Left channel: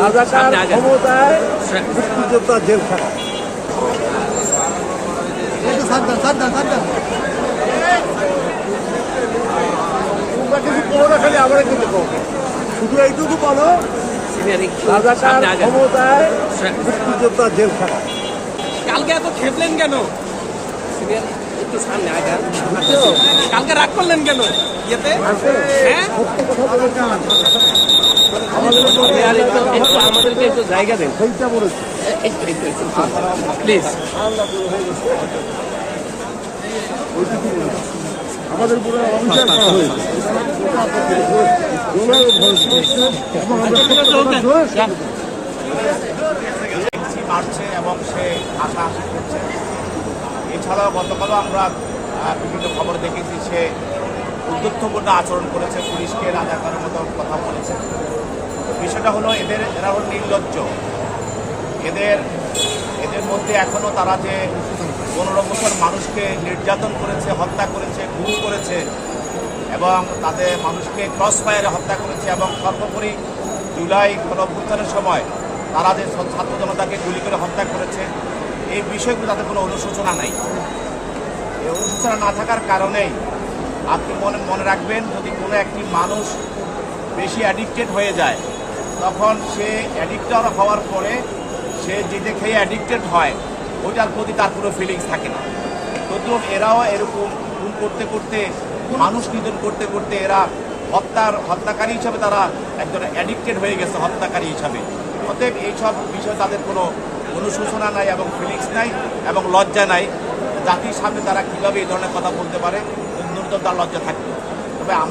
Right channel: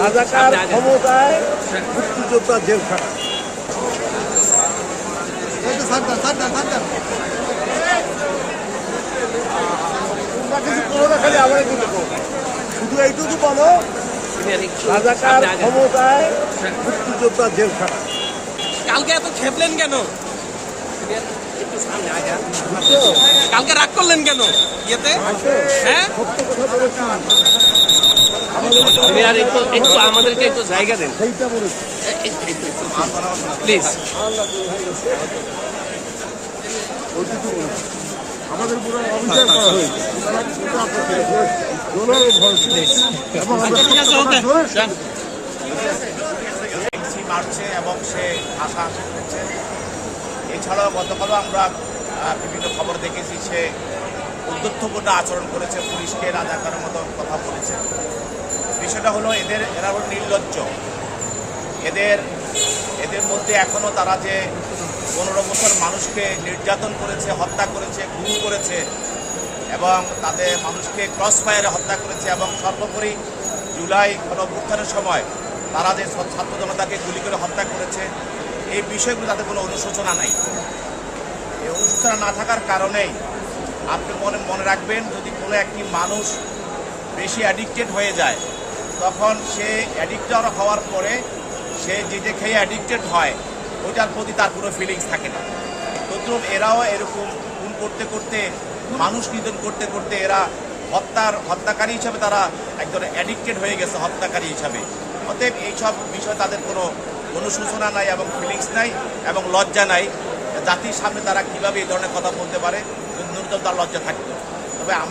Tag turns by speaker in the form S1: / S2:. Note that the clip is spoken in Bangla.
S1: রাজাকার ক্ষমতায় মুক্তিযোদ্ধা জেলখানা। তোমরা কিছু করো না খালি আমরা কিন্তু শুধু এইটুকু বলো রাজাকার ক্ষমতায় মুক্তিযোদ্ধা জেলখানা।
S2: কালকে এত খেপলেন কেন? কালকে রাগ করলেন কেন? ইয়েতে? হ্যাঁ?
S1: কথা বলেছি
S3: আমাদেরকে একটু জায়গা
S1: আমাদের এবং
S4: সে হাসাহাসি করছে এছাড়াও গতকালও আমরা বিভিন্ন খবর দেখেছি সে উদ্যুত্থপূর্ণ আচরণ করেছে পুলিশকে, রাজাকারের মতো কথা বলেছে। বিষয়টা হলো এদের, এরা হল নির্লজ্জ। এদের এদের মধ্যে এখনও তারা যে পনেরো বছর মানুষকে নির্যাতন করেছে, হত্যা করেছে গুম করেছে, এবং তাদের মানুষকে ক্রস ফায়ারে হত্যা করেছে, এবং সর্বোপরি জুলাই গণ অভ্যুত্থানের সময় তারা যে ছাত্র জনতাকে গুলি করে হত্যা করেছে, এই বিষয়গুলো তাদের কোনো অনুশোচনা নাই। এই অনুশোচনা না থাকার কারণেই আপনি মনে মনে রাখবেন যদি কোনো একটি মানুষ বেশি অ্যাডিক্টেড হয়ে যায় তখন সে অ্যাডিক্টেড হওয়ার পরে সে যেটা খেয়ে অ্যাডিক্টেড হয় ওইটার প্রতি তার কোনো ফিলিংস থাকে না। তদ্রুপ এরাও এরকম খুন করতে করতে, মানুষ নিধন করতে করতে এরা হত্যার, হত্যাকারী হিসাবে তারা একজন অ্যাডিক্টেড হয়ে গেছে, হত্যাকারী হিসাবে। অতএব এইসব বিষয়ে তাদের কোনো অনুশোচনা নাই এবং ফিলিংস নাই এবং লজ্জা নাই। জাতির সামনে তারা কীভাবে এই ধরনের কথা বলতে পারে ন্যূনতম তার লজ্জা থাকতো তবে আমার